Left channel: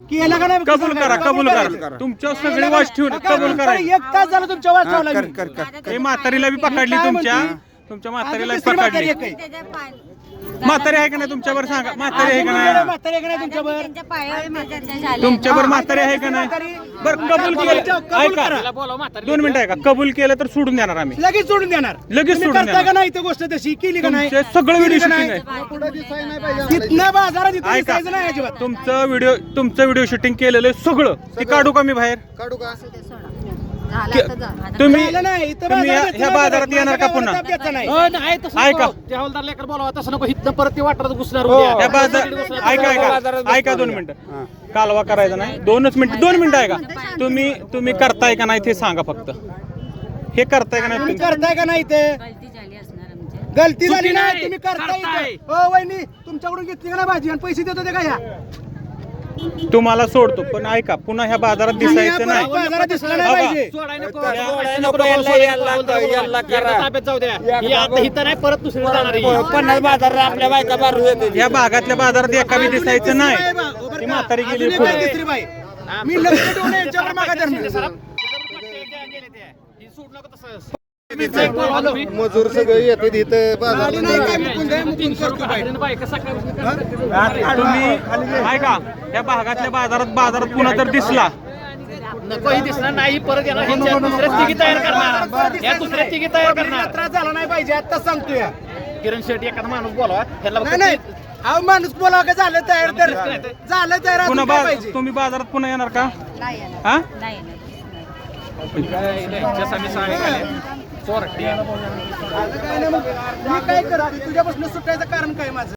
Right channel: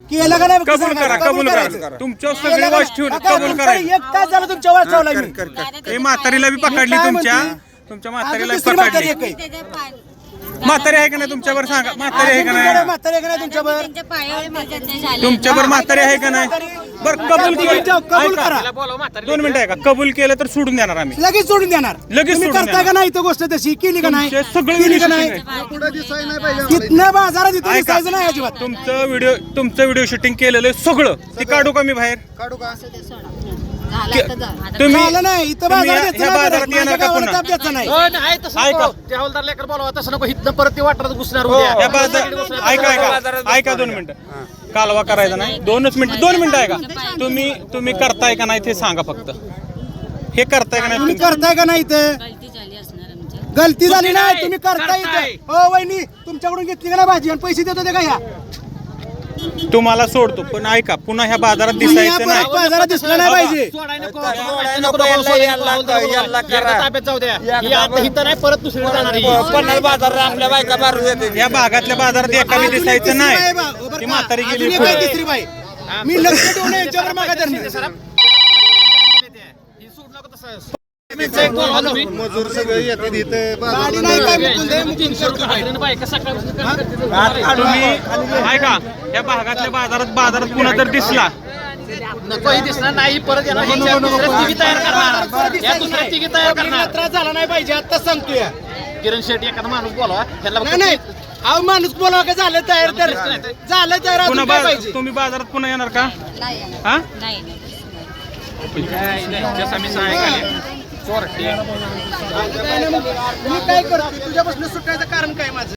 केलं का नाही कबूल. करा कबूल. करा. तुमच्या सगळे वाच? ठेवून कबूल करायचं. एक तास झालं तुमच्या वाच चावला मी हे म्हातारीला बी पकडली काय तुमच्या? तुमच्या म्हातारीला पकडली. म्हातारी आहे का नाही तुमच्यावर? सांगा. म्हातारी आहे का नाही? म्हातारी आहे का नाही तुमच्यावर तुमच्यावर म्हातारी आहे का नाही? बरं कबूल केलं. कबूल ऐका. करा. दोन मिनिटं आहे का कबूल केलं तर सोडून देणार आम्ही. लगेच सोडून देणार. लगेच तुम्ही सोडून करता का नाही इथं गोष्ट तशी? केली का नाही? तुमचे सगळे केली का video नाही? shooting तिथनं बाजारात इथं ऐका. दिसायचं नाही अजिबात. तुमचं व्हिडिओ तुमचं व्हिडिओ शूटिंग केलेलं आहे सगळं. ते काढू का मी बाहेर? झालं आता झालं तुम्ही झालं नाही. इथं तुम्ही बाजारात ह्या बाजारात येणार का गावाला पुन्हा? ताप द्यायचा नाही ऐका. हवालदार लेकर बोलावा तसं नको. हिथनं परत ते वाटत घुसणार या बाजार ऐका ऐका. ऐका दोन मिनिटं. कालवा करायचा नाही. दोनच मिनिटं दोन मिनिटं ऐका. तुम्ही तुम्ही करताय का नाही ते सांगा फक्त. हे करताय का तुम्ही नाही करताय का नाही इथं गलती झाली असणार आमच्या. गलती झाली नाही. तुम्ही करताय इथं हो वहिनी तुमच्याकडून घेतली का नाही भाजी? आणि पैसे देत होते का ह्या? तुम्हाला सोडतो पण ऐका पुन्हा ह्या बाजारात दिसायचं नाही. बाजारात दिसलं नाही पाहिजे. ताब्यात जाऊ द्या. आता हिथं नाही परत दुसरी जाणार. या भागातल्या बाजारात एका बी दिसायचं नाही. ती? म्हातारी गेली तिसरी बाई. मी लक्ष यांच्यावर मागा धरणं सोड नको तसं. मजूर सगळे येते इथे. गाडी नाही काय मुकुंद? आहे, मुकुंद करतो बाई. आणि बाई, कसं काय- तुम्ही ऐका या भागातल्या बाजारात बाजारात पुन्हा जर दिसला. नको ही दिसणार नाही परत येणार. ह्याच्या दुसऱ्या तिघी तयार करणार. या दुसऱ्या तिघी तयार करणार. त्रास झाला नाही पाहिजे आता सांगतो या किरण शेट्टी एखादा माणूस बोलावा. ह्याला नाही नाही. अहो माणूस बोलावा का? झालं तयार तर. झालं तयार अजून पुन्हा काय बा- पाहिजे? तुम्ही बाजारात पुन्हा येणार का? नाही. हा. मी काय करतो तुझ्यापासून सुटायचं कारण काय माझं?